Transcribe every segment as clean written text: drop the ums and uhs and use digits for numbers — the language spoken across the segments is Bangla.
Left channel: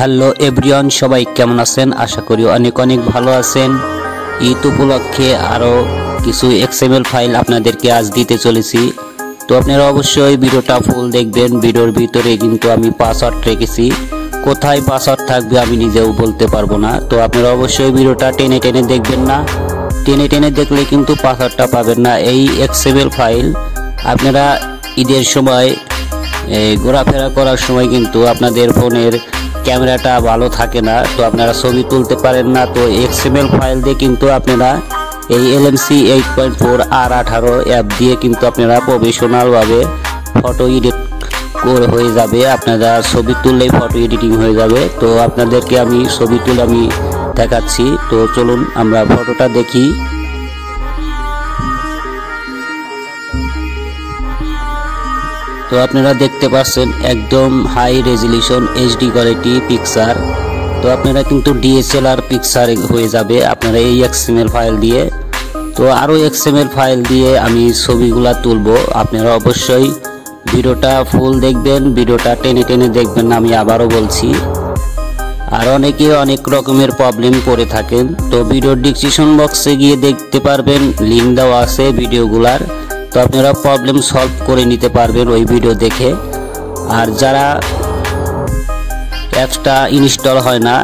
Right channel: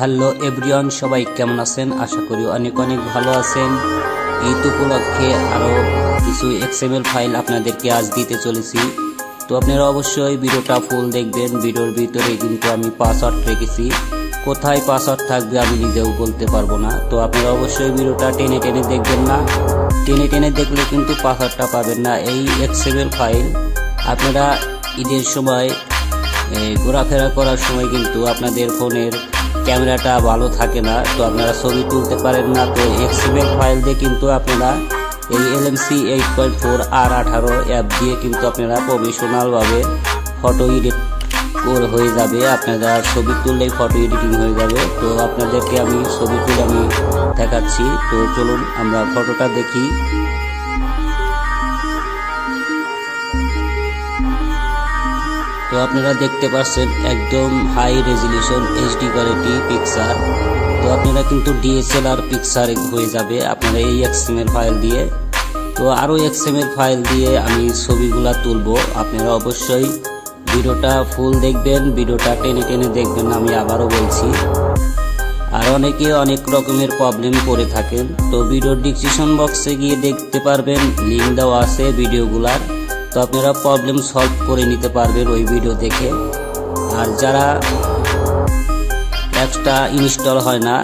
হ্যালো এভরিওয়ান, সবাই কেমন আছেন? আশা করি অনেক অনেক ভালো আছেন। ঈদ উপলক্ষে আরও কিছু এক্সএমএল ফাইল আপনাদেরকে আজ দিতে চলেছি। তো আপনারা অবশ্যই ভিডিওটা ফুল দেখবেন। ভিডিওর ভিতরে কিন্তু আমি পাসওয়ার্ড রেখেছি, কোথায় পাসওয়ার্ড থাকবে আমি নিজেও বলতে পারবো না। তো আপনারা অবশ্যই ভিডিওটা টেনে টেনে দেখবেন না, টেনে টেনে দেখলে কিন্তু পাসওয়ার্ডটা পাবেন না। এই এক্সএমএল ফাইল আপনারা ঈদের সময় ঘোরাফেরা করার সময় কিন্তু আপনাদের ফোনের ক্যামেরাটা ভালো থাকে না, তো আপনারা ছবি তুলতে পারেন না। তো এক্সএমএল ফাইল দিয়ে কিন্তু আপনারা এই LMC 8.4 R18 অ্যাপ দিয়ে কিন্তু আপনারা প্রফেশনালভাবে ফটো এডিট হয়ে যাবে। আপনারা ছবি তুললেই ফটো এডিটিং হয়ে যাবে। তো আপনাদেরকে আমি ছবি তুলে আমি দেখাচ্ছি। তো চলুন আমরা ফটোটা দেখি। তো আপনারা দেখতে পাচ্ছেন একদম high resolution HD quality picture. তো আপনারা কিন্তু DSLR পিকচার হয়ে যাবে আপনারা এই XML ফাইল দিয়ে। তো আরও XML ফাইল দিয়ে আমি ছবিগুলা তুলবো। আপনারা অবশ্যই ভিডিওটা ফুল দেখবেন, ভিডিওটা টেনে টেনে দেখবেন, আমি আবারও বলছি। আর অনেকে অনেক রকমের প্রবলেম করে থাকেন, তো ভিডিওর ডিসক্রিপশন বক্সে গিয়ে দেখতে পারবেন, লিঙ্ক দেওয়া আছে ভিডিওগুলার। তো আপনারা প্রবলেম সলভ করে নিতে পারবেন ওই ভিডিও দেখে। আর যারা অ্যাপসটা ইনস্টল হয় না,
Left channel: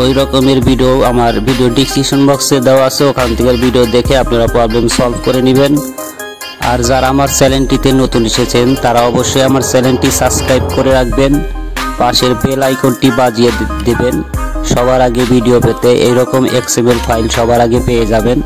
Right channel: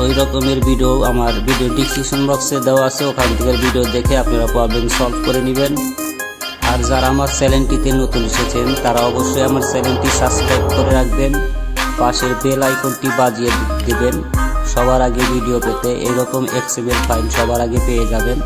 ওই রকমের ভিডিও আমার ভিডিও ডিসক্রিপশন বক্সে দেওয়া আছে, ওখান থেকে ভিডিও দেখে আপনারা প্রবলেম সলভ করে নেবেন। আর যারা আমার চ্যানেলটিতে নতুন এসেছেন তারা অবশ্যই আমার চ্যানেলটি সাবস্ক্রাইব করে রাখবেন, পাশের বেল আইকনটি বাজিয়ে দেবেন সবার আগে ভিডিও পেতে। এইরকম XML ফাইল সবার আগে পেয়ে যাবেন।